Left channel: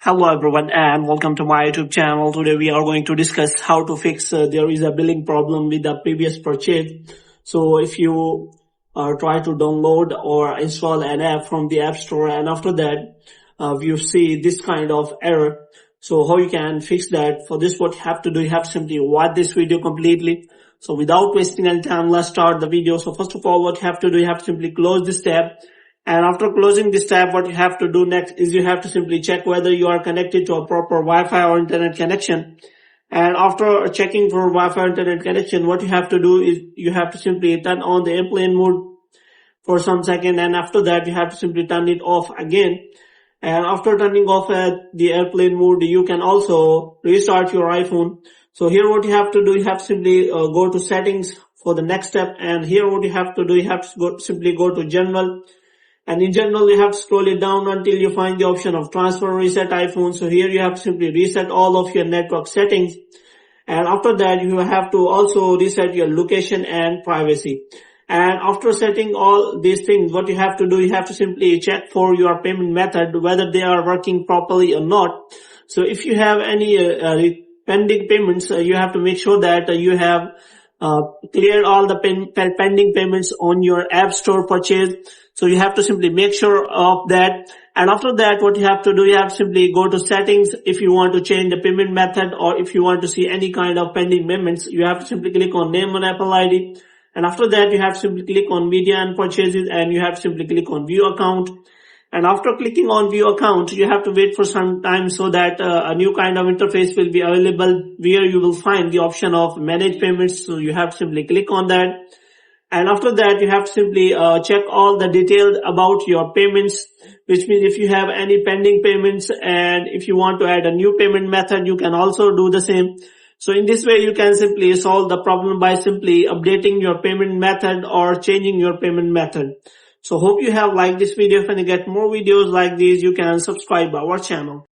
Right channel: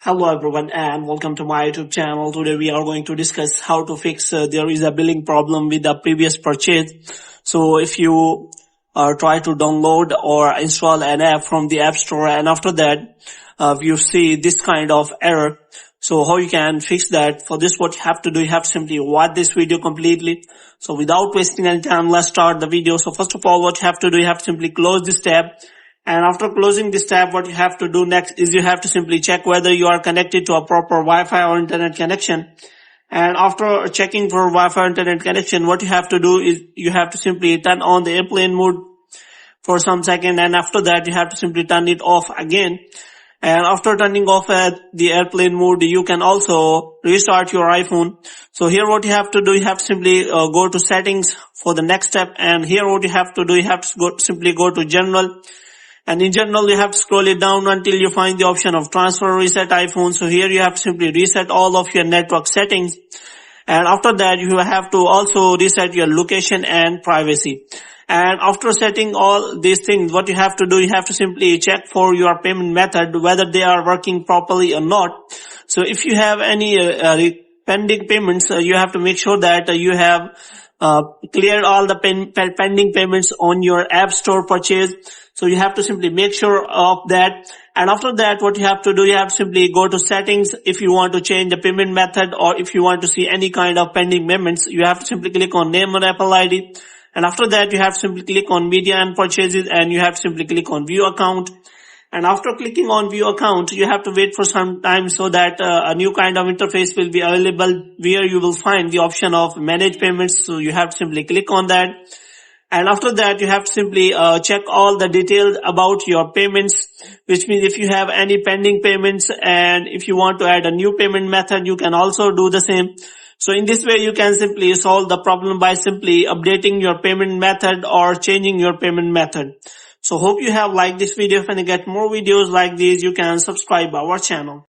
Hello everyone and welcome to my YouTube channel. Today we are going to discuss how to fix there is a billing problem with the previous purchase. So if you try to download or install an app from the App Store and after that you see this kind of error. So how you can fix that? For this what you have to do, you have to simply watch this video completely. So without wasting any time, let's start the video. So first of all, what you have to do, you have to simply close this tab. And after closing this tab, what you have to do next is you have to simply check whether you are connected to a proper Wi-Fi or internet connection. And after checking for Wi-Fi or internet connection, what you have to do is you have to simply turn on the airplane mode for some second, and after that you have to simply turn it off again. And after turning off the airplane mode, you can also restart your iPhone. So here what you have to do, you have to simply go to settings for the next step. And here what you have to do, you have to simply go to general. And in general, you have to scroll it down until you find the option of transfer reset iPhone. So here you have to simply reset all of your network settings. And after that, you have to also reset your location and privacy. And after setting all these things, what you have to do, you have to simply check for your payment method, whether they are working properly or not. So if you have any pending payments, you have to make sure that you have cleared all the pending payments on your App Store purchase. So you have to simply make sure of that. And after that, what you have to do, you have to simply go to settings. If you want to change the payment method or if you want to see any kind of pending payments, you have to simply click on name on Apple ID. And after that, you have to simply click on media and purchases, and you have to simply click on view account. And after clicking on view account, you have to wait for some time so that a new kind of interface will be available where you will find the option of manage payments. So you have to simply click on that. And after that, you have to simply check all the details about your payments, which means if you have any pending payments and if you want to add a new payment method, you can also do the same. So in this way, you can simply solve the problem by simply updating your payment method or changing your payment method. So hope you have liked this video. If you get more videos like these, you can subscribe our channel.